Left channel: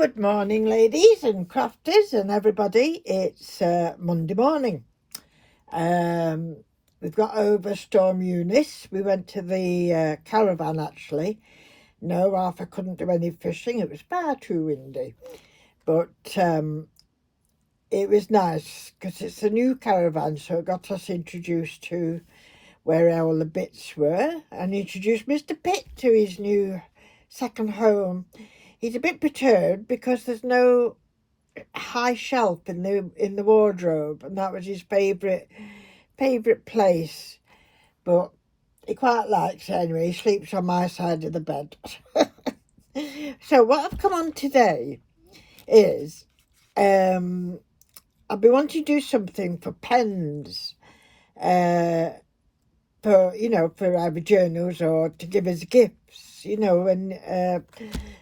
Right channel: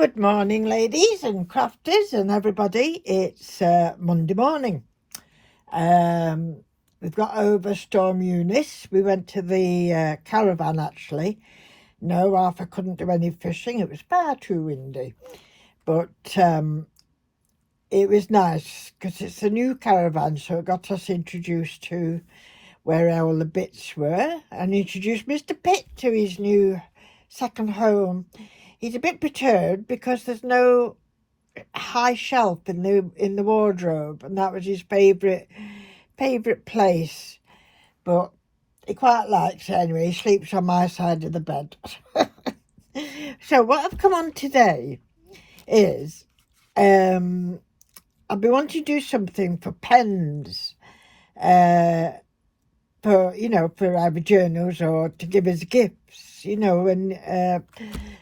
Good morning, ladies and crafters and everybody. It's Monday morning. We've got over Storm Eunice. We went to the caravan actually. No, Arthur couldn't do any fishing. It was far too windy. But it was nice because it's a new caravan, so it got us introduced to where all the bits were and introduced Mr. Pitt to his new second home. He's a bit perturbed because there's no high shelf in the wardrobe, and that was his favourite place. But he quite likes it anyway. He sleeps on my side of the bed. So what I've come on today is I've been wanting to do something for pens, for either journals or to give as gifts, and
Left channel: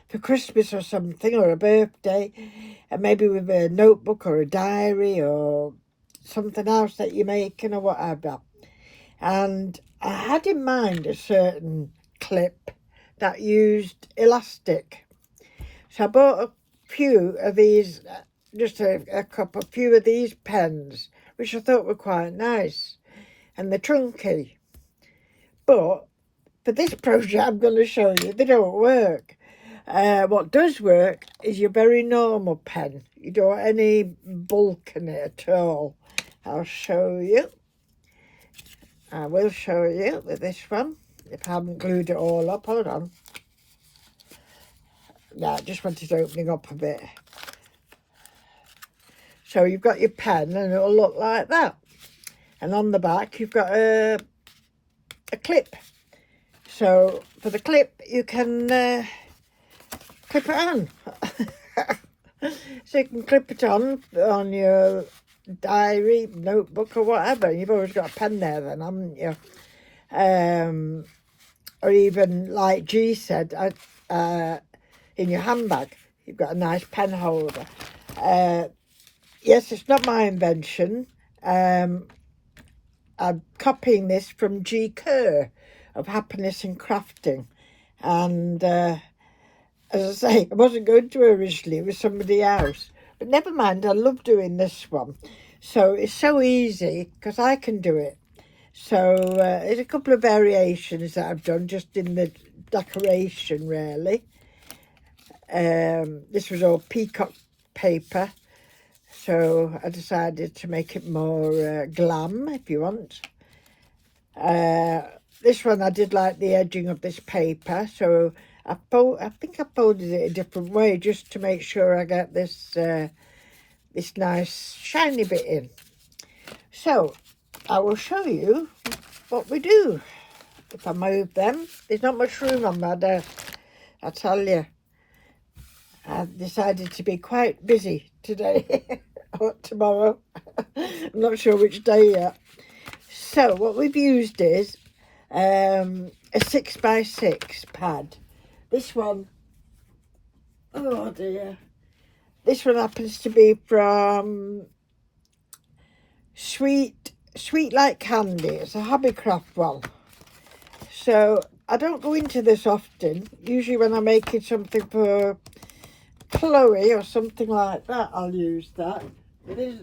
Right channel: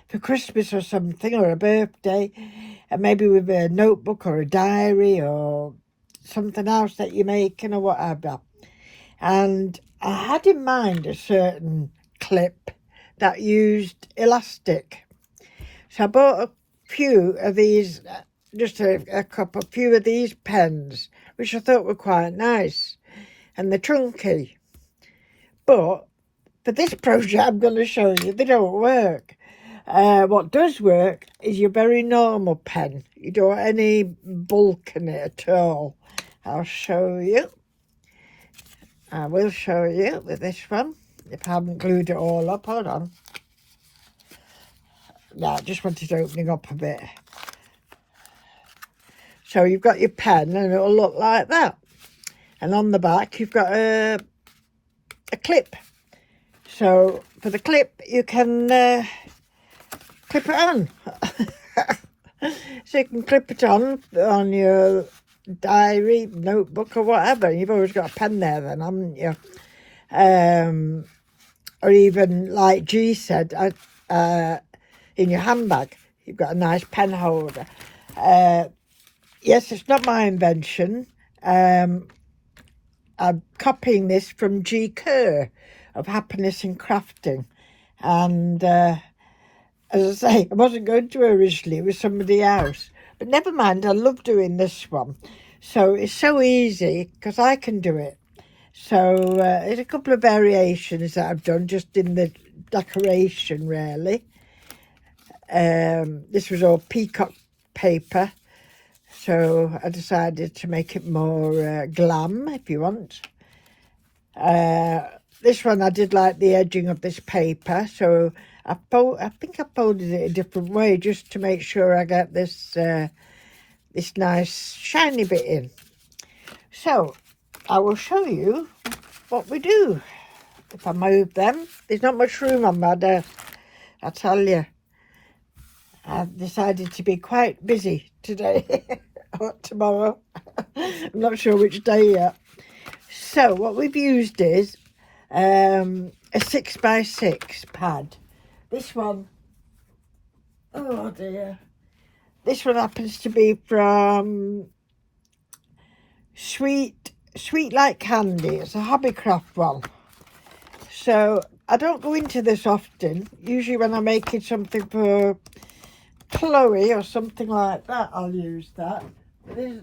for Christmas or something, or a birthday, and maybe with a notebook or a diary or something else that you're making or whatever. And I had in mind a certain clip that used elastic, so I bought a few of these, just a few of these pens, which I thought were quite nice, and they're chunky. But for this project I'm going to show you, they don't work. What does work is your very normal pen. You don't want any bulk in it at all. I'll show you. I will show you with this one, if I haven't glued it all up. Hold on. No, I just wanted it opening up a bit. So you've got your pen and it'll look like that. And on the back you've got a clip. So for the clip you can clip it on. So you can clip it on your diary, notebook or whatever. You've always got a pen there then, haven't you? Or even like G said, in your handbag you've got a nice pen holder. Yes, it's not my invention. I'm copying this from Gi Kerr of Happiness in Crafting, and as I say, I wasn't going to originally, it was somebody else, but never mind, I love doing this one. So it's so easy because I can do it. So there's a couple of variations that I've done just in the decoration really. This was all peacock paper, so I decided to make it more glam, if you want. This one I did like the edging of this paper, so I think I folded it a different way just to make sure I get this this nice shiny bit in. So I will show you what we do. If I move them, there's not much room on my desk, I tell you. I've decided to be quite busy today. Tomorrow. I'm not sure which day yet. So what we've used is a 6x6 pad. This one, oh dear, this one happens to be from Sweet Like Candy. It's a Hobbycraft one. So I don't go into this often. Usually when I'm making something for Chloe or something like that, I'll use that. There's,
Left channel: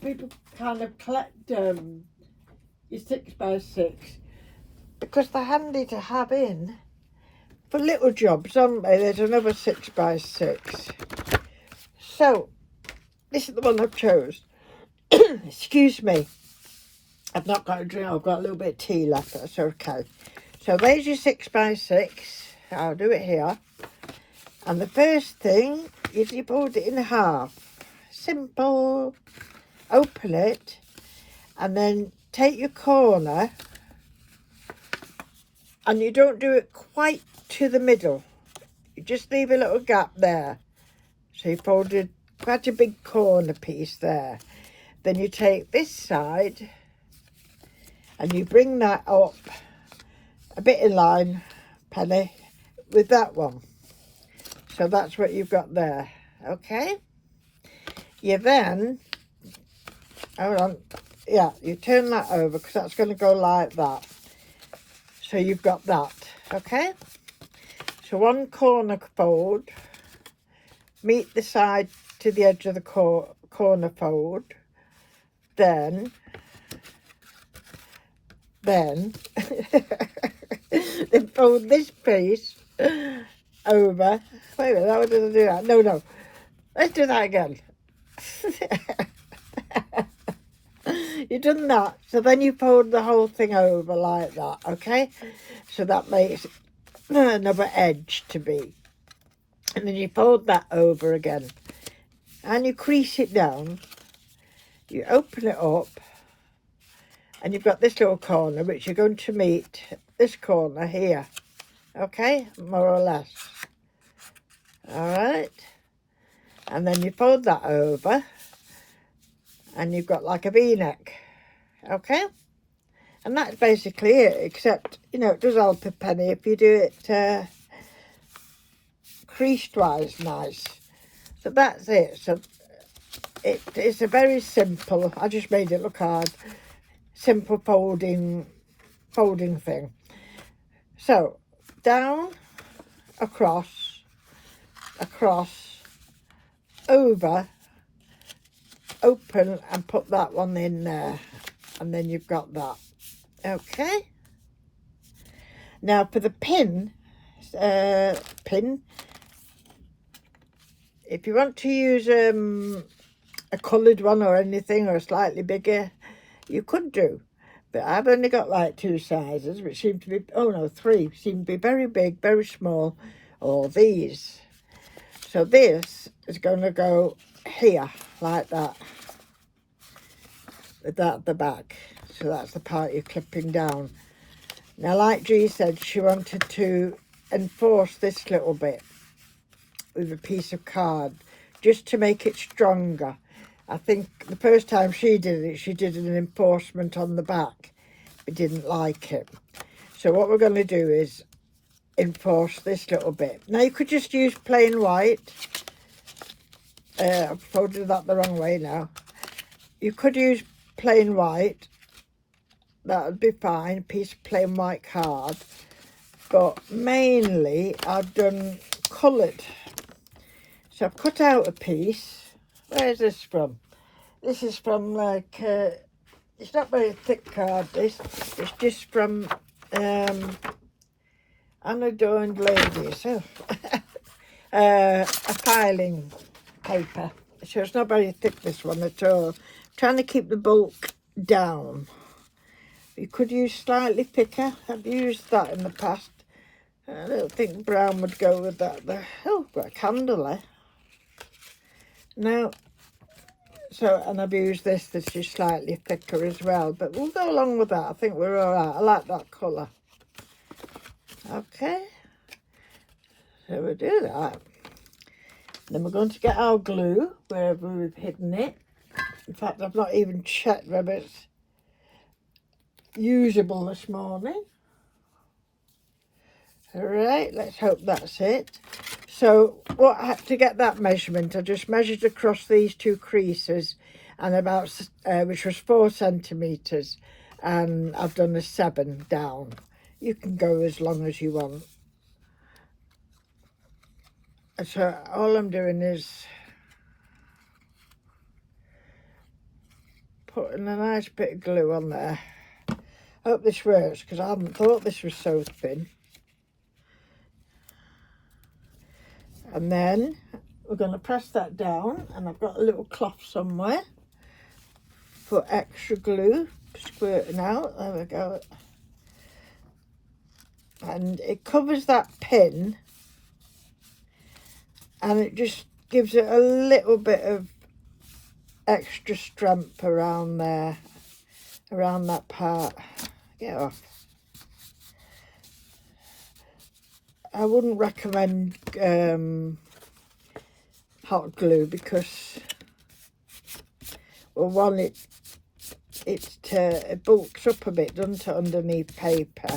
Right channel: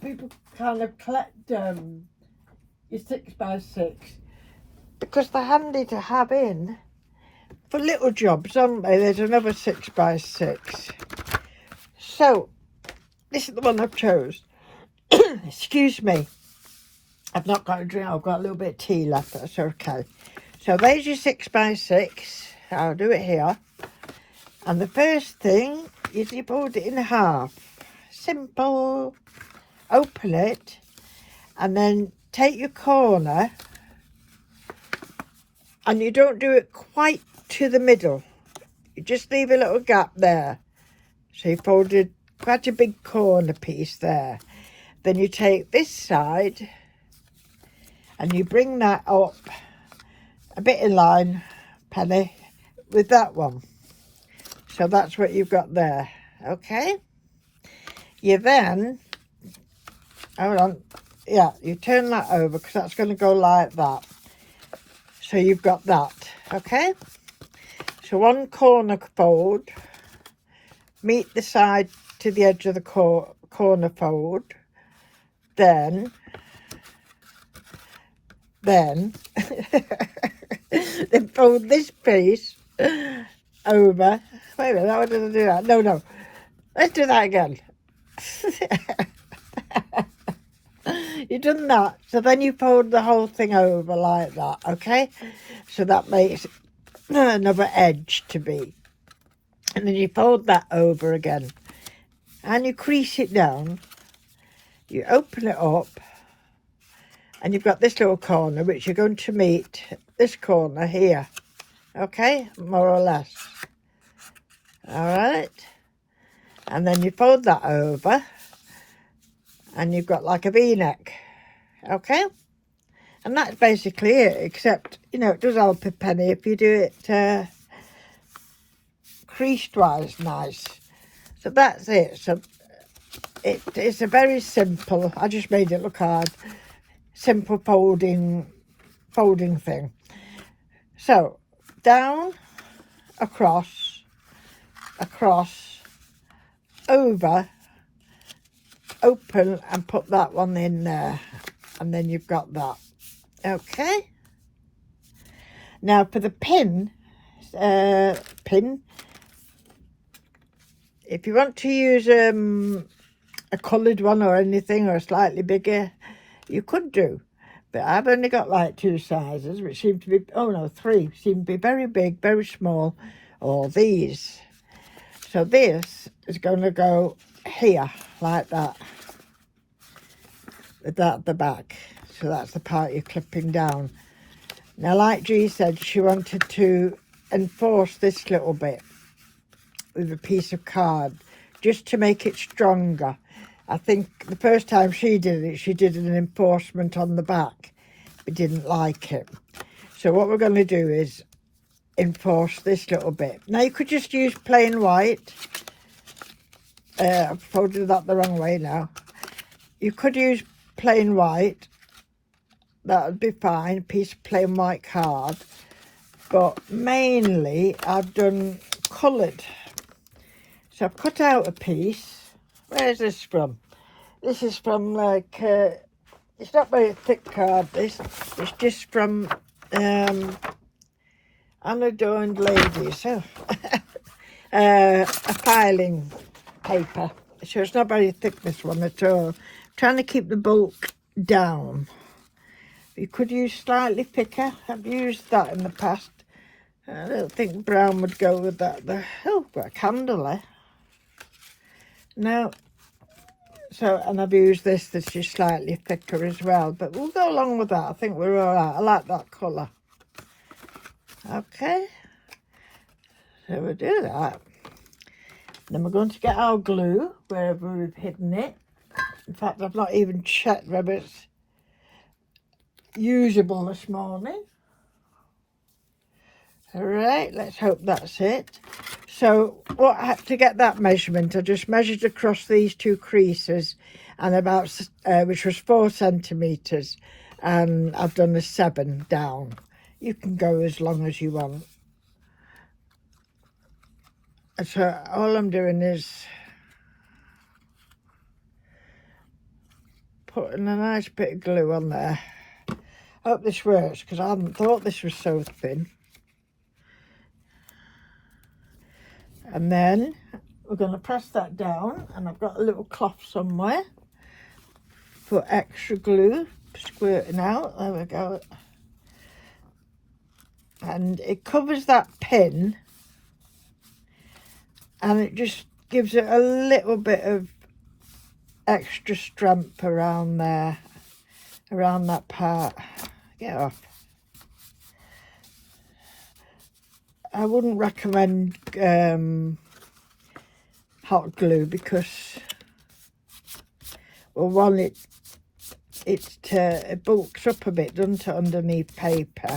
people kind of collect your 6x6 because they're handy to have in for little jobs, aren't they? There's another 6x6. So this is the one I've chose. Excuse me, I've not got a drink. I've got a little bit of tea left. That's okay. So there's your 6x6. I'll do it here. And the first thing is you fold it in half. Simple. Open it and then take your corner, and you don't do it quite to the middle. You just leave a little gap there. So you folded quite a big corner piece there. Then you take this side and you bring that up a bit in line, Penny, with that one. So that's what you've got there, okay? You then, hold on, yeah, you turn that over because that's going to go like that. So you've got that, okay? So one corner fold meet the side to the edge of the corner fold, then then fold this piece over. Wait a minute, how did I do that? No, let's do that again. You've done that, so then you fold the whole thing over like that, okay? So that makes another edge to be. And then you fold that over again. And you crease it down. You open it up. And you've got this little corner, which you're going to meet this corner here. Okay? More or less. Alright? And then you fold that over. And you've got like a V-neck. Okay? And that's basically it, except, you know, it does help a penny if you do it creased-wise nice. So that's it. So it's a very simple, I just made it look hard, simple folding thing. So down, across, over, open, and put that one in there, and then you've got that. Okay, now for the pin, if you want to use a coloured one or anything, or slightly bigger, you could do, but I've only got like 2 sizes, which seem to be, oh no, 3 seem to be very big, very small, or these. So this is going to go here like that, with that at the back. So that's the part you're clipping down. Now, like G said, she wanted to enforce this little bit with a piece of card just to make it stronger. I think the first time she did it, she did an enforcement on the back. We didn't like it. So what we're going to do is enforce this little bit. Now you could just use plain white. I've folded that the wrong way now. You could use plain white. That would be fine, a piece of plain white card. But mainly I've done coloured. So I've cut out a piece. Where's this from? This is from like, it's not very thick card, this. It's just from Unadorned Ladies. So, a filing paper. So it's not very thick, this one at all. I'm trying to keep the bulk down. You could use slightly thicker. I've used that in the past. I don't think brown would go with that. Oh, got a candle there. No. So, and I've used this that's just slightly thicker as well. But we'll go along with that. I think we're all right. I like that colour. Okay. So we'll do that. Then we're going to get our glue, wherever we've hidden it. In fact, I've not even checked whether it's usable this morning. All right, let's hope that's it. So what I had to get that measurement, I just measured across these 2 creases, and about which was 4 centimeters, and I've done a 7 down. You can go as long as you want. So all I'm doing is putting a nice bit of glue on there. I hope this works, because I hadn't thought this was so thin. And then we're going to press that down, and I've got a little cloth somewhere for extra glue squirting out. There we go. And it covers that pin, and it just gives it a little bit of extra strength around there, around that part. Get off. I wouldn't recommend hot glue, because, well, one, it bulks up a bit, doesn't it, underneath paper.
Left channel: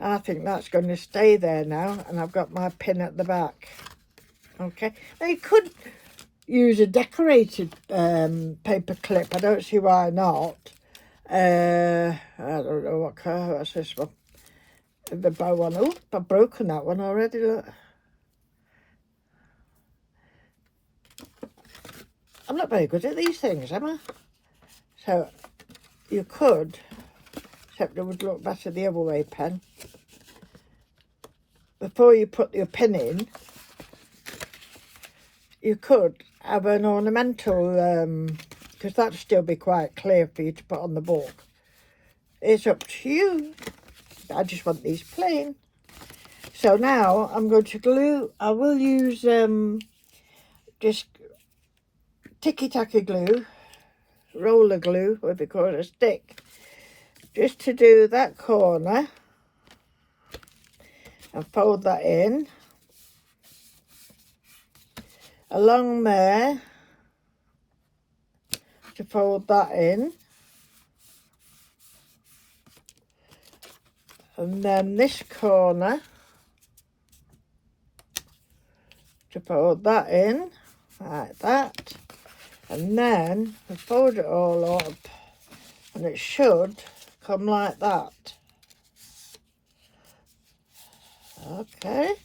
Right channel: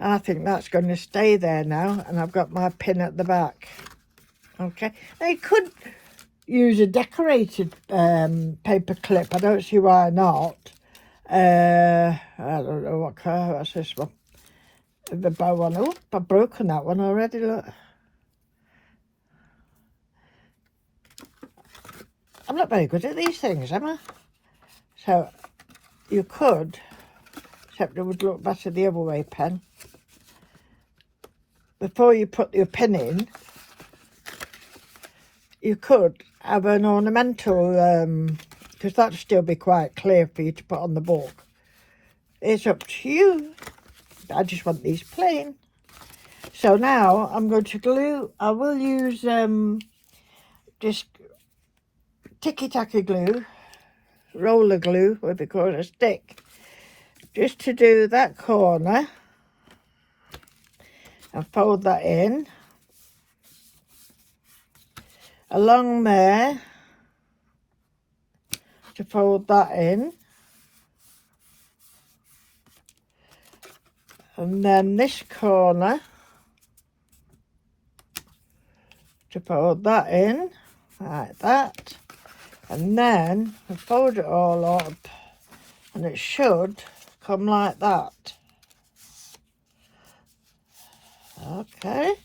I think that's going to stay there now, and I've got my pin at the back. Okay, I could use a decorated paper clip. I don't see why not. I don't know what colour, what's this one? with the bow on. Oh, I've broken that one already, look. I'm not very good at these things, am I? So you could, except it would look better the other way, pen. Before you put your pen in, you could have an ornamental, because that'd still be quite clear for you to put on the book. It's up to you. I just want these plain. So now I'm going to glue. I will use just ticky-tacky glue, roller glue, what we call a stick, just to do that corner. And fold that in. Along there, to fold that in. And then this corner, to fold that in, like that. And then I fold it all up, and it should come like that. Okay.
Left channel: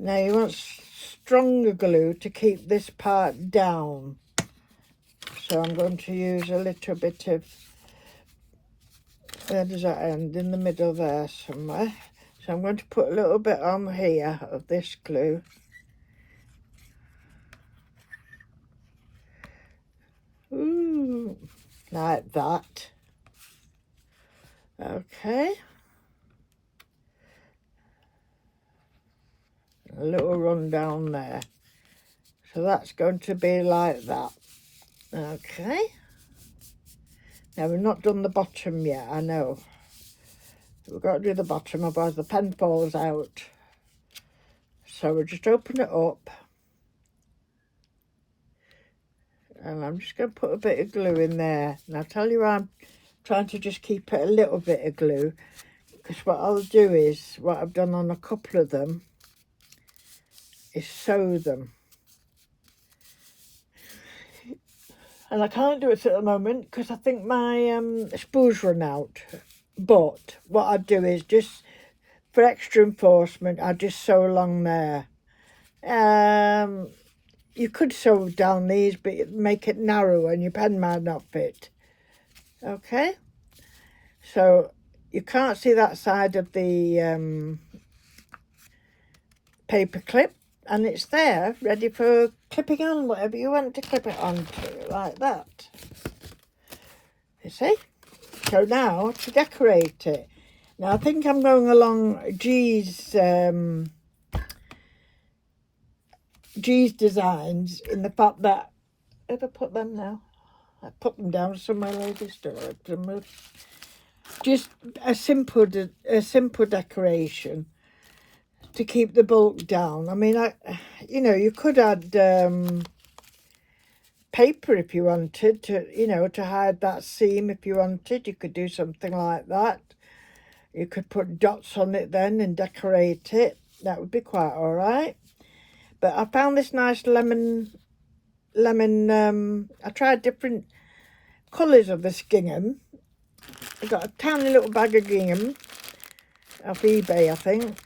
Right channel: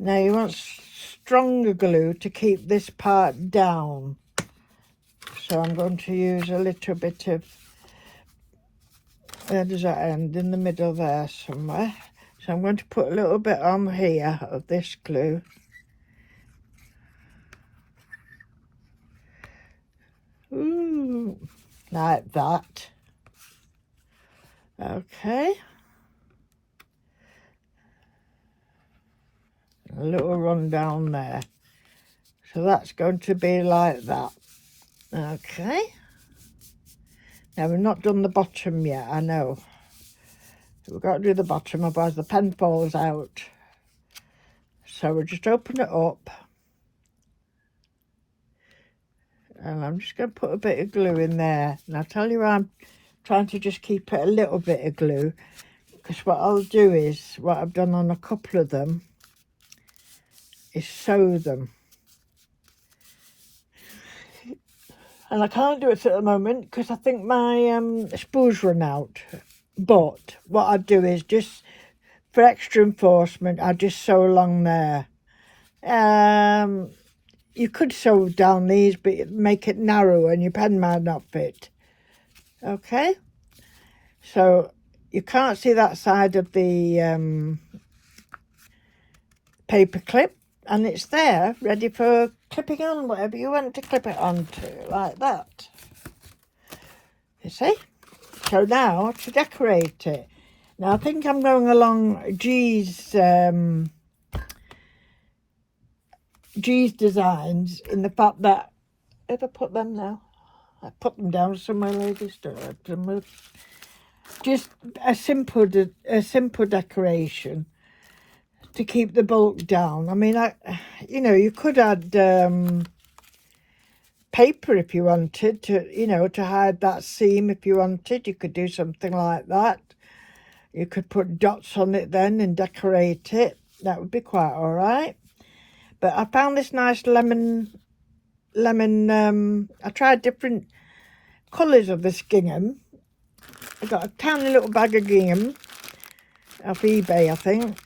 Now you want stronger glue to keep this part down. So I'm going to use a little bit of, where does that end? In the middle there somewhere. So I'm going to put a little bit on here of this glue. Ooh, like that. Okay. A little run down there. So that's going to be like that. Okay. Now we've not done the bottom yet, I know. We've got to do the bottom, otherwise the pen falls out. So we'll just open it up. And I'm just going to put a bit of glue in there. And I'll tell you why I'm trying to just keep it a little bit of glue. Because what I'll do is, what I've done on a couple of them, is sew them. And I can't do it at the moment because I think my spools run out. But what I do is just, for extra enforcement, I just sew along there. You could sew down these, but make it narrow and your pen might not fit. Okay? So you can't see that side of the paper clip. And it's there, ready for clipping on whatever you want to clip it onto, like that. You see? So now, to decorate it. Now, I think I'm going along Gi's designs in the fact that, if I put them now, I put them down somewhere where they stored them. Just a simple decoration to keep the bulk down. I mean, you know, you could add paper if you wanted to, you know, to hide that seam if you wanted. You could do something like that. You could put dots on it then and decorate it. That would be quite all right. But I found this nice lemon, I tried different colours of this gingham. I got a tiny little bag of gingham off eBay, I think.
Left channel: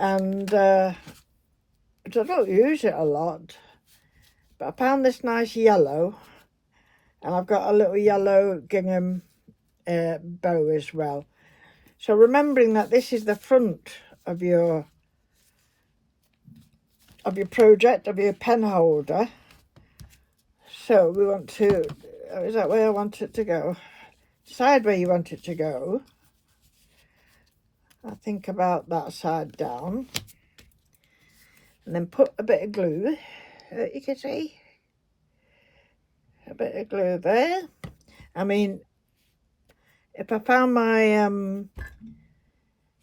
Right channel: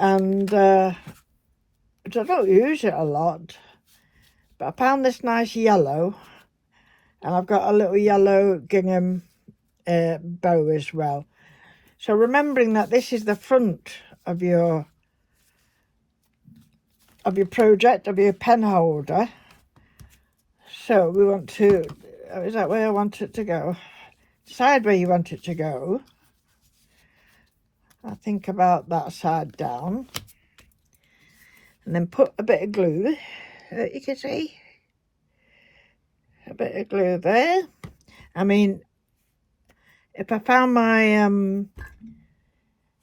And I don't use it a lot, but I found this nice yellow, and I've got a little yellow gingham bow as well. So remembering that this is the front of your project, of your pen holder, so we want to, is that where I want it to go? Decide where you want it to go. I think about that side down, and then put a bit of glue, you can see, a bit of glue there. I mean, if I found my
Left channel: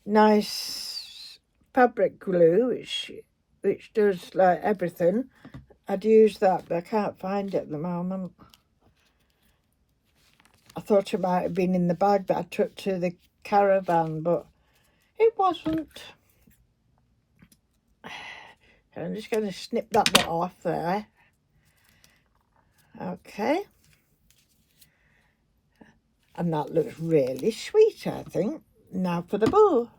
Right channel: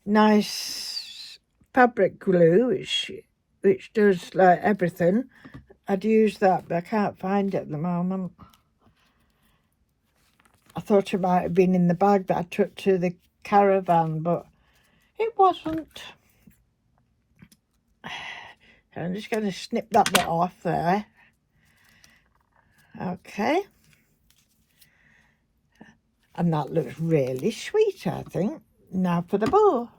nice fabric glue, which does like everything, I'd use that, but I can't find it at the moment. I thought it might have been in the bag that I took to the caravan, but it wasn't. I'm just going to snip that bit off there. Okay. And that looks really sweet, I think. Now for the bowl.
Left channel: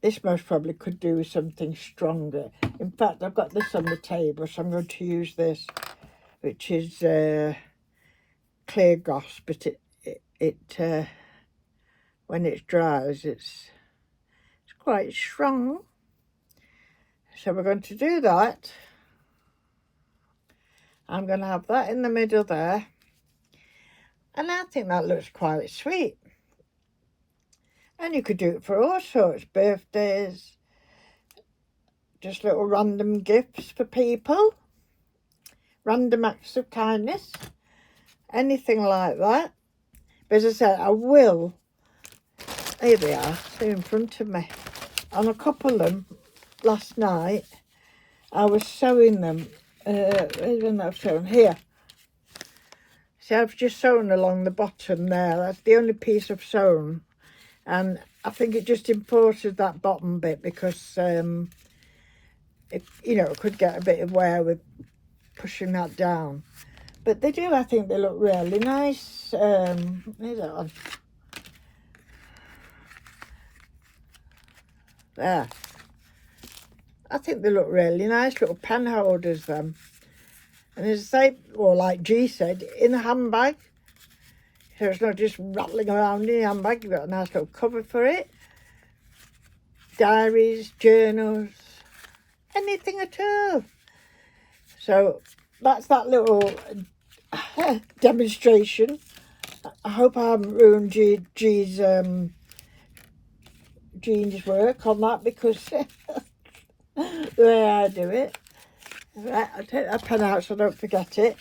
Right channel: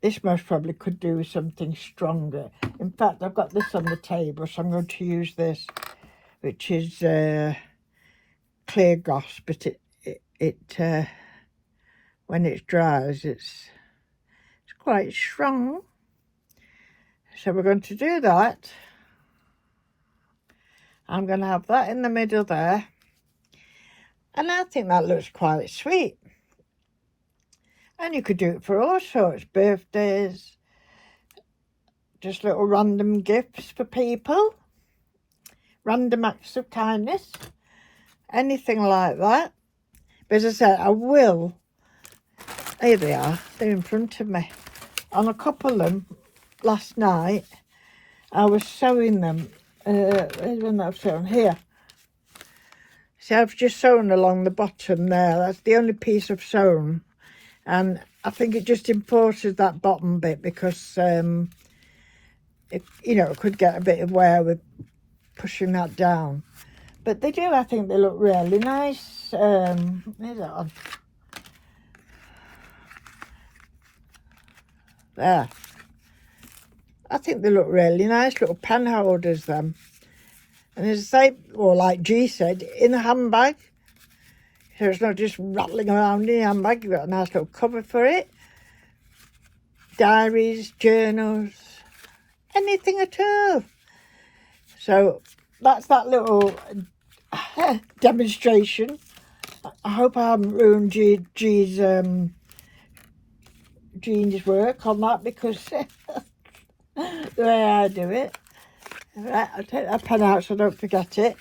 This most probably could do with something stronger. In fact, I've got this on the table, so I'm going to use this, which is clear goss, but it when it dries, it's quite strong. So we're going to do that. I'm going to have that in the middle there, and I think that looks quite sweet. And you could do it for all sorts, birthdays, just little random gifts for people, random acts of kindness, anything like that. But as I said, I will, here they are, they're in front of me. On a couple of them last night, I was sewing them, here's one that I've sewn here. See, I've just sewn along the bottom there, that's the only piece I've sewn. And I think it just enforces that bottom bit because, it could get a bit of wear with pushing that down. But they do, I think they look really nice. Where's that on? There. I think they look really nice, little pen holders, them. And as I say, or like G said, in a handbag. So it's not just rattling around in a handbag. You've got a nice little cover for it. Diaries, journals, anything at all. So that's that little demonstration. I hope I haven't ruined Jean's work on that, because the way I do it. Right, I'll take that pen out so I don't forget it.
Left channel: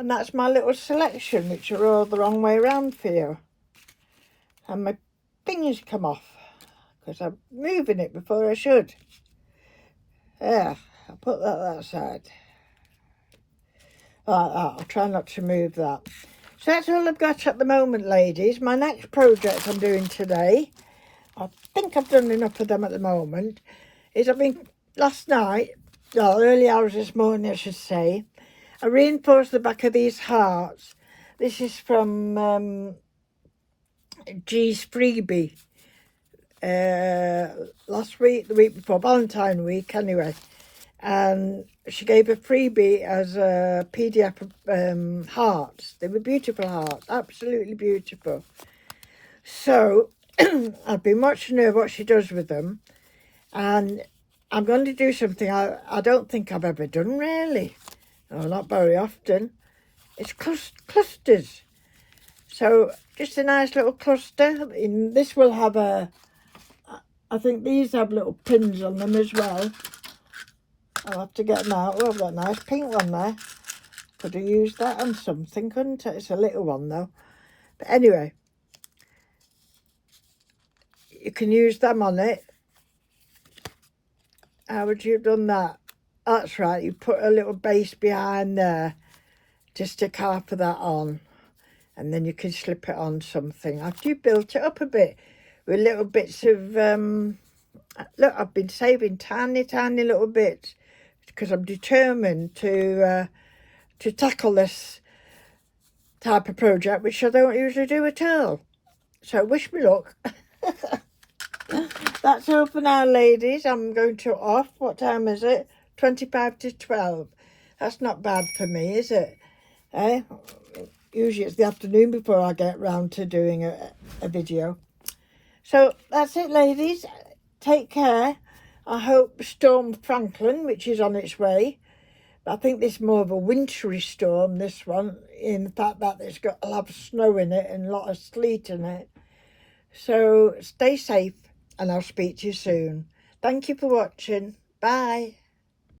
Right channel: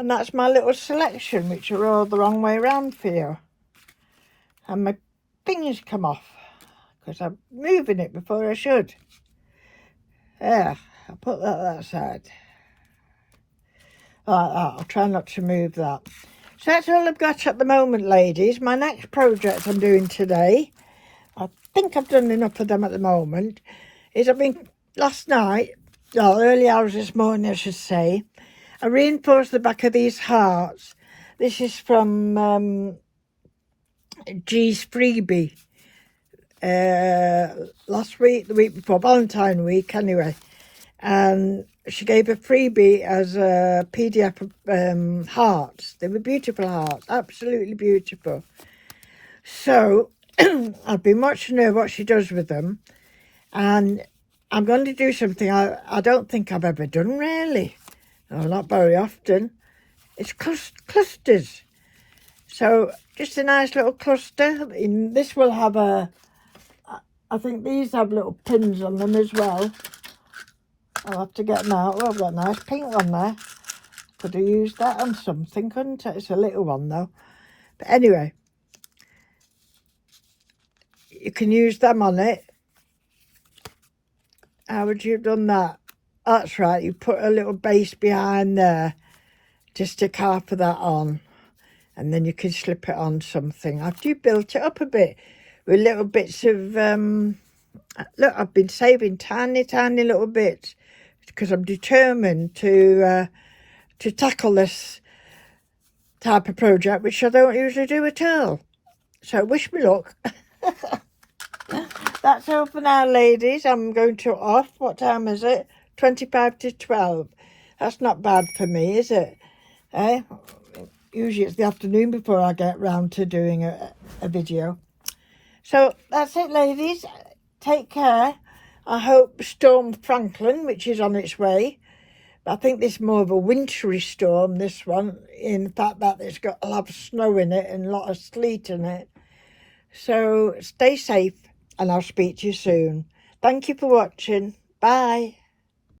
And that's my little selection, which are all the wrong way around for you. And my fingers come off because I'm moving it before I should. There, I'll put that side. Like that, I'll try not to move that. So that's all I've got at the moment, ladies. My next project I'm doing today, I think I've done enough of them at the moment, is last night, or early hours this morning I should say, I reinforced the back of these hearts. This is from G's freebie. Last week, the week before, Valentine week anyway. And she gave a freebie as a PDF of hearts. They were beautiful hearts, absolutely beautiful. So I've been watching her, what she does with them. And I'm going to do something I don't think I've ever done really. No, not very often. It's clusters. So just a nice little cluster. This will have I think these have little pins on them as well. I'll have to get them out. Well, I've got a nice pink one there. Could have used that on something, couldn't it? It's a little one though. But anyway, you can use them on it. How would you have done that? That's right, you put a little base behind there to stick half of that on, and then you can slip it on something. After you built it up a bit with little bits of, look, I've been saving tiny little bits because I'm determined to tackle this type of project, which I don't usually do at all. So wish me luck. That's all for now, ladies. I'm going to off. What time is it? 25 to 12. That's not bad for me, is it? Usually it's the afternoon before I get round to doing a video. So that's it, ladies. Take care. I hope Storm Franklin, which is on its way, but I think this is more of a wintry storm, this one, in the fact that it's got a lot of snow in it and a lot of sleet in it. So stay safe and I'll speak to you soon. Thank you for watching. Bye.